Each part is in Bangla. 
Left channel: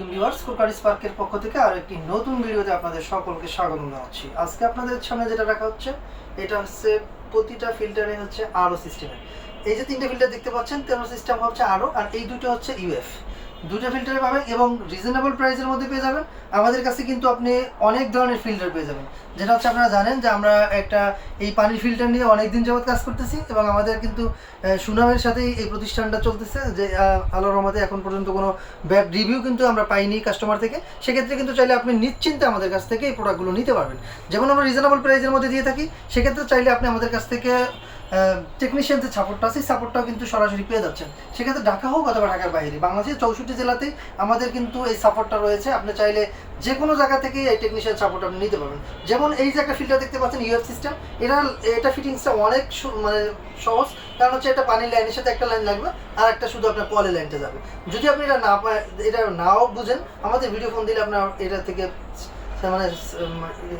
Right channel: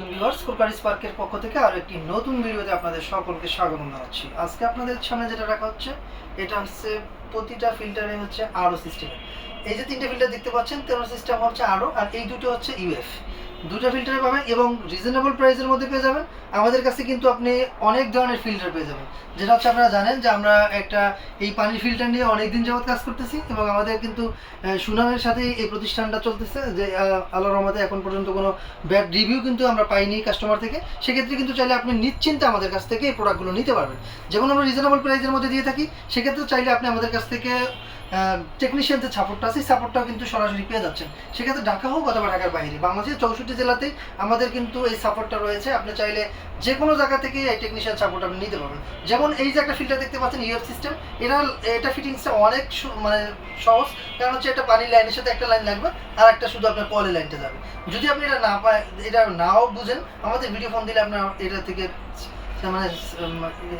ভিউয়ার্স, কুরকারি স্পার্কের পক্ষ থেকে আরো একটি নতুন ভিডিওতে আপনাদের সকলকে স্বাগত জানাচ্ছি। আজকে আপনাদের সামনে যেটা রাখা হচ্ছে, এটা হচ্ছে প্রতিটা ফিল্টারে হচ্ছে আরও সিস্টেমের। এই যে তিনটে ফিল্টার দেখতে পাচ্ছেন, তেরো সিস্টেম হচ্ছে আরও, আর এই দুটো হচ্ছে ইউএফ। দুটো ফিল্টারে পাবেন এবং রিজনেবল প্রাইসের মধ্যে পেয়ে যাবেন। আমাদের কাছে কিন্তু আপনি অনেক ধরনের ফিল্টার পেয়ে যাবেন, যেটা হচ্ছে আপনারা জানেন যে আমরা একটা এই পানির ফিল্টার নিয়ে অনেক দিন যাবত কাজ করতেছি এবং আমাদের কিন্তু সুনামের সাথেই এই প্রতিষ্ঠানটা চলতেছে, যে আল্লাহর রহমতে এখন পর্যন্ত কোনো ব্যাড রিভিউ কিন্তু আমরা পাইনি কাস্টমার থেকে। সেক্ষেত্রে কিন্তু চাইলে আপনি নিশ্চিন্তে আমাদের কাছ থেকে এই প্রোডাক্টগুলো নিতে পারবেন। যেমন আমরা রিজনেবল প্রাইসের মধ্যে দিয়ে থাকি, সেক্ষেত্রে চাইলে আপনি আমাদের কাছ থেকে টেকনিশিয়ান যে সাপোর্টটা আছে, সাপোর্টটাও কিন্তু সরাসরি পেয়ে যাচ্ছেন। সেক্ষেত্রে ঢাকা হোক অথবা ঢাকার বাইরে, বাংলাদেশের 64 জেলাতেই আমাদের কিন্তু এই সাপোর্টটা রয়েছে। আপনি চাইলে যে কোনো জায়গা থেকে এই টেকনিশিয়ান সাপোর্ট আপনি নিতে পারবেন। যেমন এই যে একটা ফিল্টার দেখতে পাচ্ছেন ইউএফ সিস্টেম, এটা ফিটিংসটা অনেক মানে সহজ। কারণ হচ্ছে একটা পানির লাইনের সাথে একটা লাইন লাগবে, আর একটা শুধু আপনার কলের লাইনটা যাবে। যদি আপনি এটা নাও বুঝেন, আমাদের ভিডিও ফোন দিলে আপনার এটা থেকে মানে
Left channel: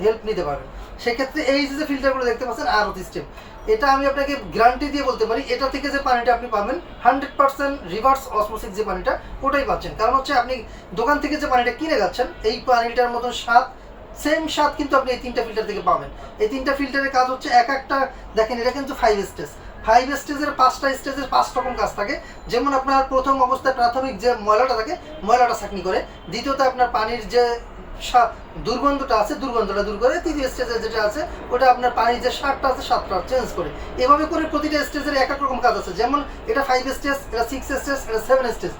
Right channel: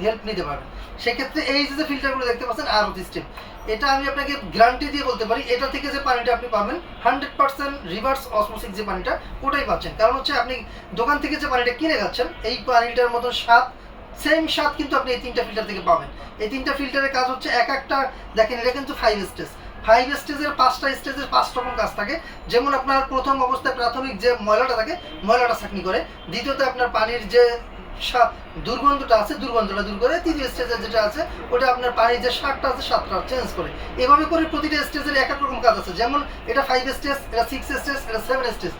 হেল্প নিতে পারবেন। সেক্ষেত্রে এই যে ফিল্টারগুলো দেখতে পাচ্ছেন আরও সিস্টেম, এটা আমি আপনাকে গ্যারান্টি দিয়ে বলতে পারি, এটা থেকে যে পানিটা আপনি পাবেন 100% রিভার্স অসমোসিস যে পানিটা, ওটাই পাচ্ছেন। কারণ হচ্ছে আপনি দোকান থেকে যে পানিটা কিনে যাচ্ছেন, এই পানিটার মতো স্বাদ, সেম স্বাদ কিন্তু আপনি এই তিনটা ফিল্টার থেকে পাবেন। এই তিনটা ফিল্টারের কাজ হচ্ছে এক একটা, দেখেন এটা কিন্তু 5 স্টেজের 5টা স্টেজের 5 রকম কাজ থাকে। যেমন আপনার প্রথম অবস্থায় প্রাথমিক যে ময়লাটা থাকে, ময়লাটা ছাঁকনি করে। দ্বিতীয়ত আপনার পানির যে দুর্গন্ধটা আছে, দুর্গন্ধটা দূর করে। তৃতীয় স্টেজে যেটা আছে, ওটা আপনার পানির যে স্বাদটা আছে, স্বাদটা চেঞ্জ করে। এভাবে করে প্রতিটা স্টেজের এক এক রকম কাজ আছে। যেমন এটা 5 স্টেজ, এটা 6 স্টেজ, এটা 7 স্টেজ।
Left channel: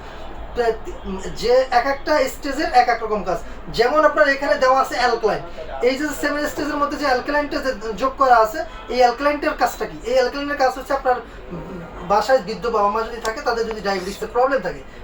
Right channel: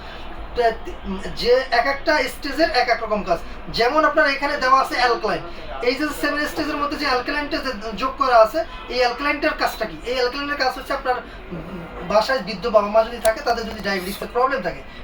যে এক একটা স্টেজের এক এক রকম কাজ। যেমন আপনার এখানে দেওয়া আছে অ্যালকালাইন। এই যে 7 স্টেজের মধ্যে যে অ্যালকালাইনটা যোগ করা আছে, এই অ্যালকালাইনটার কাজটা কি? এই অ্যালকালাইনের কাজ হচ্ছে আপনার বাসায় বৃদ্ধ বাবা মা যদি থাকে, তাদের যদি ডায়াবেটিসের প্রবলেম থাকে,